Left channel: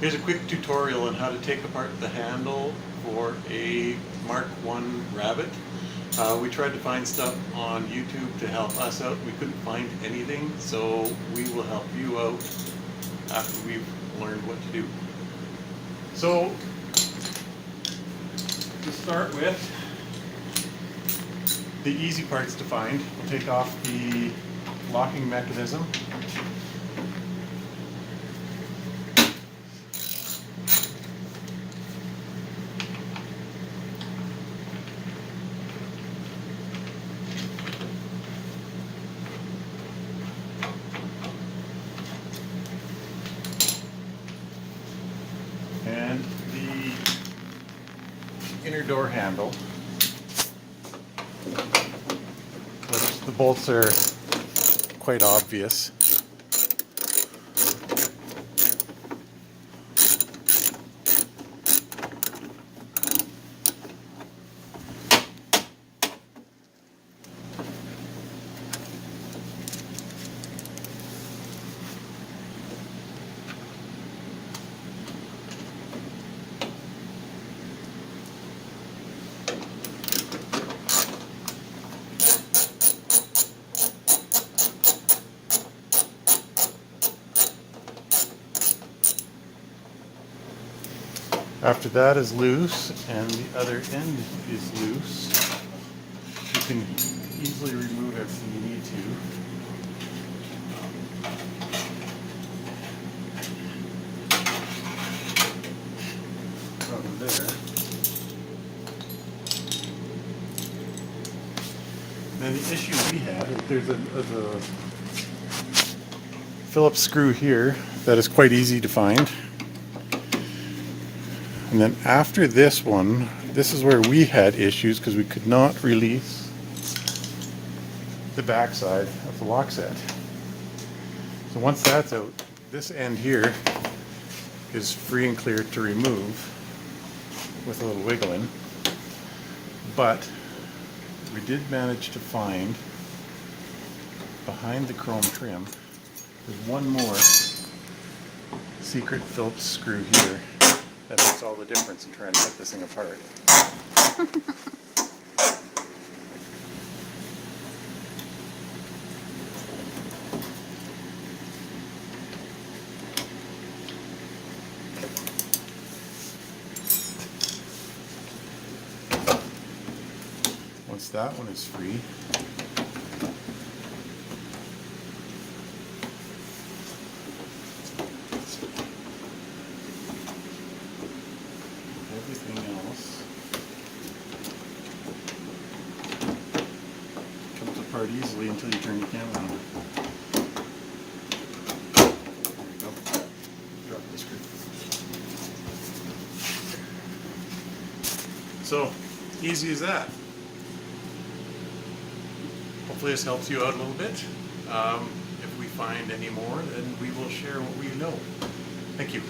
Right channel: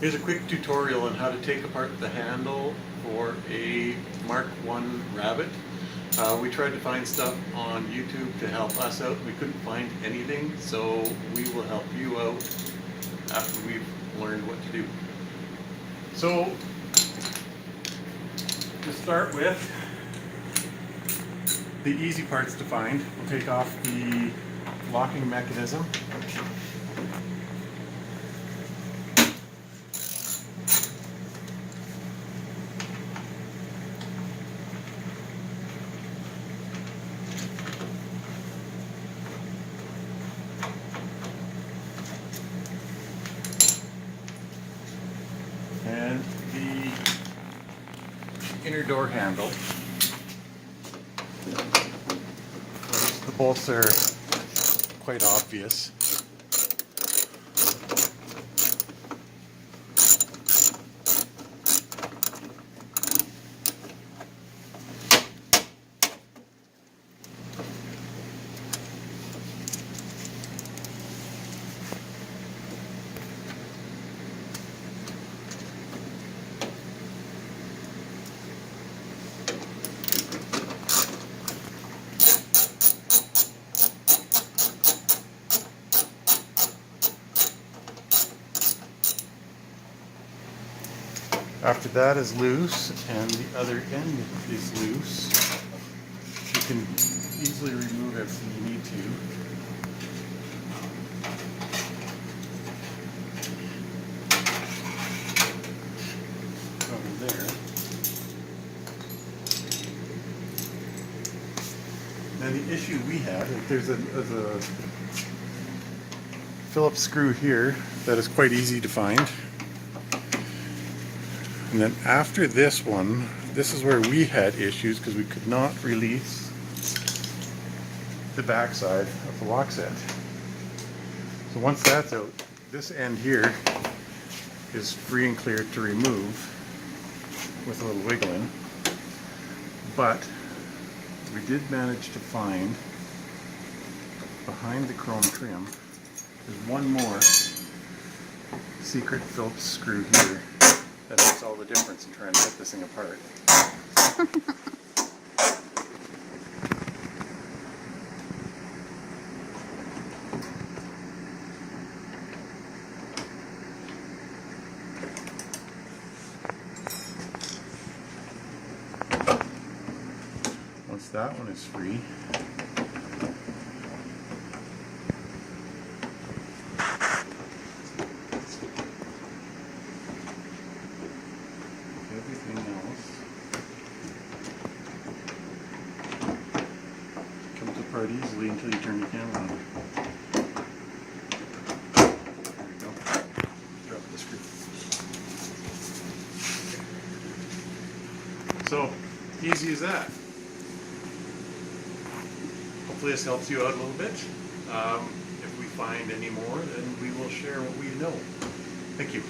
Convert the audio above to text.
Here's a quick tutorial on how to take apart the handle for a Mark 1 Rabbit. We tried to find stuff on YouTube to help us out. We couldn't find anything, so we will help you out after we've learned what to do. So, to start with, the easy parts to find. We'll take off the locking mechanism. And the inner door handle. The bolts are quite obvious. After that is loose and the other end is loose, you can easily remove it if you need to. Over there. Then the issue we have, there's a Phillips screw here that is quite easy to find. And then after this one, this is where we had issues because we could not release the backside of the lock set. So once that's out, this end here is free and clear to remove with a little wiggling. But we did manage to find behind the chrome trim, there's one more secret Phillips screw here. That makes all the difference in trying to take this thing apart. Once that one is free, everything else comes apart easily until you turn the camera on. There we go. Drop the screw. So, easy as that. Hopefully this helps you out a little bit. If we find any more, then we will share what we know. Thank you.